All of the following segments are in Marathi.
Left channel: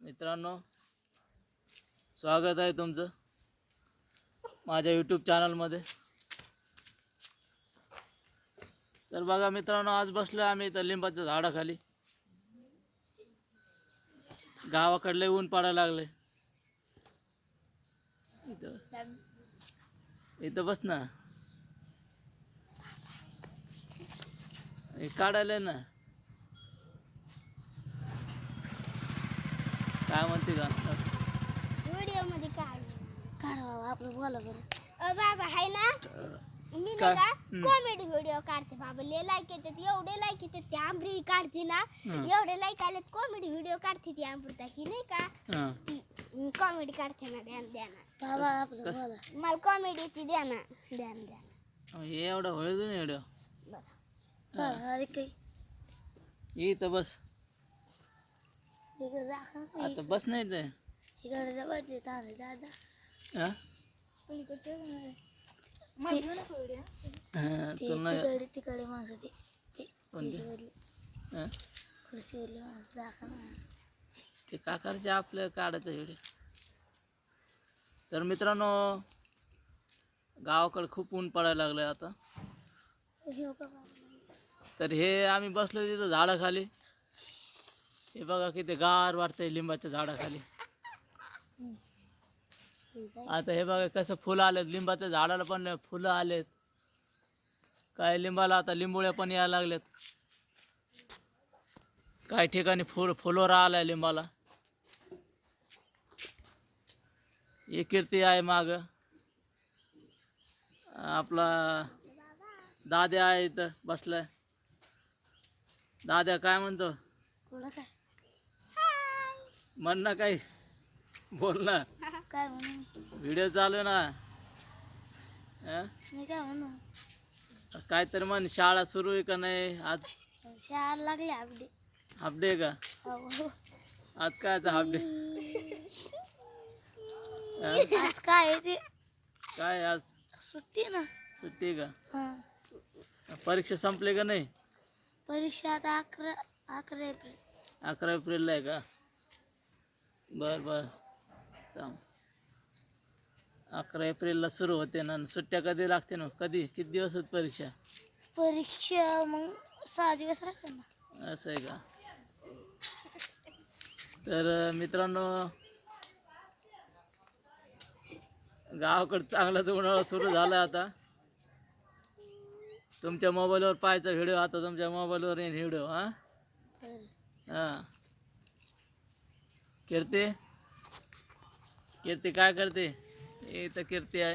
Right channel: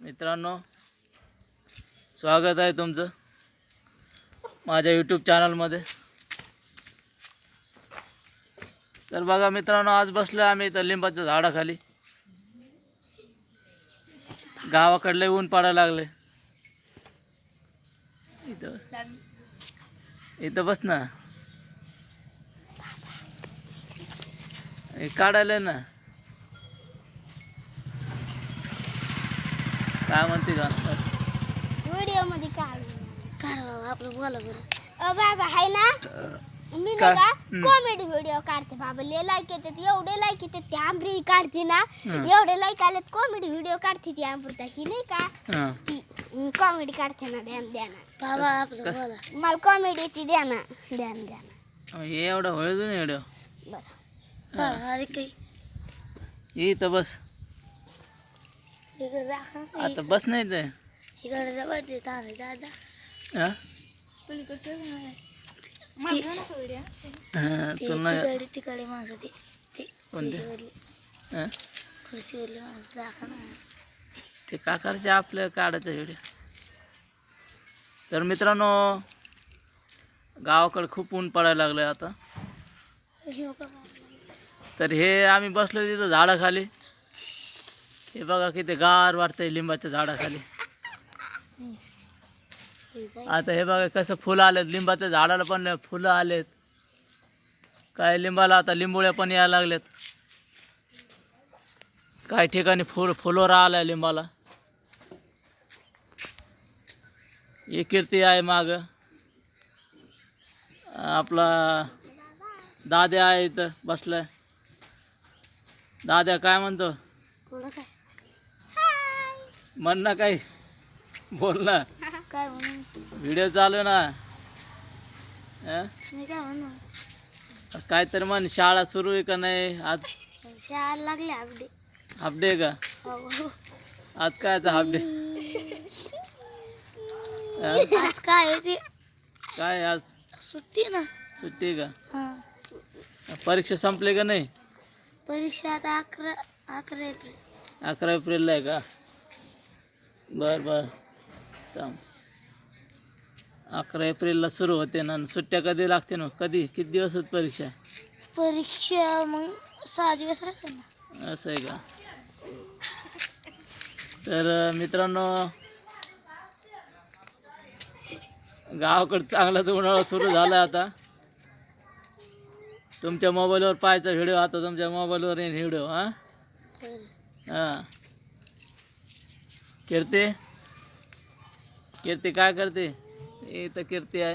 मित्रांनो, स्वागत आहे तुमचं माझ्या यूट्यूब चॅनलमध्ये. तर बघा मित्रांनो, आज बसलो आम्ही इथं लिंबाच्या झाडाखाली. गावाकडले ऊन पडायला लागले. इथं बस ना, काढायला ना. काय म्हणते का व्हिडिओ मध्ये काढ आपलं बोला बरं. बाबा हाय ना, मी ना कॉमेडी व्हिडिओ काढते बाबा. लय लाईक येतात, एवढे लाईक येतात. ती आंबरी काढते ना, एवढे लाईक आलेत. कॉमेडी व्हिडिओ काढते ती अमृता, ही नाही का ती कॉमेडी काढते ना. द्या ना बाबा आपलं बोला. मला कॉमेडी ती द्या ना, द्या ना. एवढं व्हिडिओ व्हिडिओ बरं. अरे काही इथं बस. आता बस नाही ते इकडे जवळ दादा. तिकडे माणसं खुर्चीवरली माणसं दाखव ना. ते का करायचे आपलं काढायचं व्हिडिओ. तर मित्रांनो, गावाकडे खूप ऊन पडायला लागलंय आता. तर हे आम्ही बसलो तिथं झाडाखाली. हे बघा किती गार वाटतंय लिंबाच्या झाडाखाली. आता हे बघा कसं फुलं आलेत. लिंबाच्या झाडाला पण फुलं आलेत. काय लिंबाला आता लिंबोळ्या पण यायला लागल्यात. काही ठिकाणी फुलोरा आलाय लिंबाला. एक कीर्ती आहे माग. आपला दाद्या आहे इथं बसलाय. दाद्या काय म्हणतो? म्हण ना, काही बोल ना. काय म्हणू? व्हिडिओ चालू ना. मी काय म्हणू? काय तर म्हण. शाळा सुरू आहे का नाही आज? शाळा लागली हाफडे. हाफडे का? आज कायचा हाफडे? आज काय आहे ते? काय आज सुट्टी ना. सुट्टी का? परीक्षा संपली का नाही? परीक्षा आता 11 एप्रिल. 11 एप्रिलला आहे का? बर बर. 11 एप्रिलला सुरू होते ना. सुट्ट्या कधी लागते ना? कधी किती दिवस आहेत परीक्षा? परीक्षा मग 6 दिवस राहते ना. असं आहे का? तर मित्रांनो, गावाकडे चांगलाच उन्हाळा सुरू झाला आता. तुमच्या मोबाईलवर पाहायचा व्हिडिओ. आता तुमच्या मोबाईलवर येईल व्हिडिओ. हां कीर्ती काय करते? इथं कीर्ती आहे.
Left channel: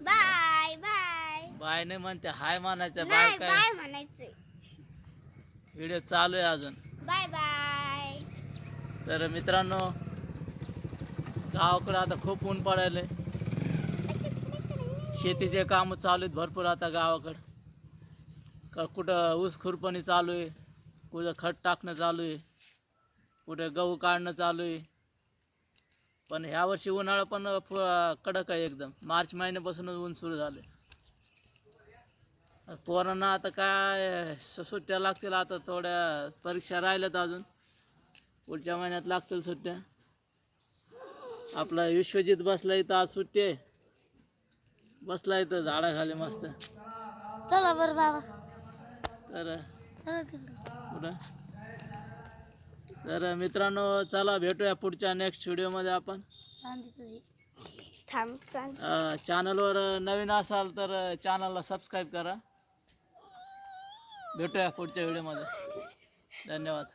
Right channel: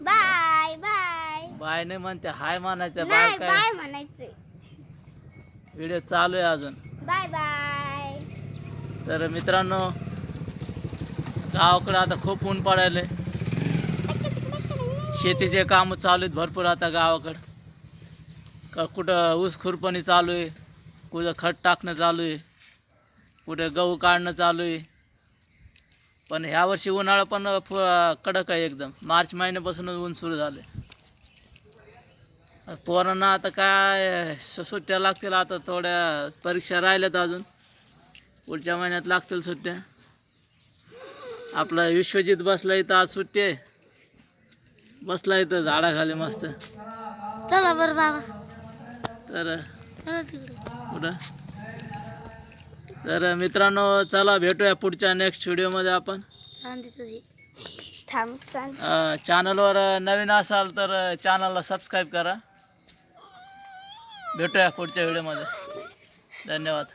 Bye bye. बाय नाही म्हणते, हाय म्हणायचं. बाय काय? बाय म्हणायचं. व्हिडिओ चालू आहे अजून. Bye bye. तर मित्रांनो, गावाकडे आता खूप ऊन पडायले. शेतीचे काम चालू आहेत भरपूर आता गावाकडं. कुठं ऊस खुरपणी चालू आहे, कुठं खत टाकणं चालू आहे, कुठे गहू काढणं चालू आहे. पण ह्यावर्षी उन्हाळा पण कडक आहे एकदम. मार्च महिन्यापासूनच ऊन सुरू झाले. पोरांना आता काय सुट्ट्या लागतील. आता थोड्या परीक्षा राहिल्यात अजून. पुढच्या महिन्यात लागतील सुट्ट्या. आपला विश्वजित बसला इथं. आज सुट्टी आहे. बसला इथं झाडाखाली मस्त. चला बरं बाबा. तर कुठं? तर मित्रांनो, चला भेटूया पुढच्या नेक्स्ट व्हिडिओमध्ये आपण. चॅनलवर नवीन असाल तर चॅनलला सबस्क्राईब करा. भेटूया पुढच्या व्हिडिओमध्ये. धन्यवाद.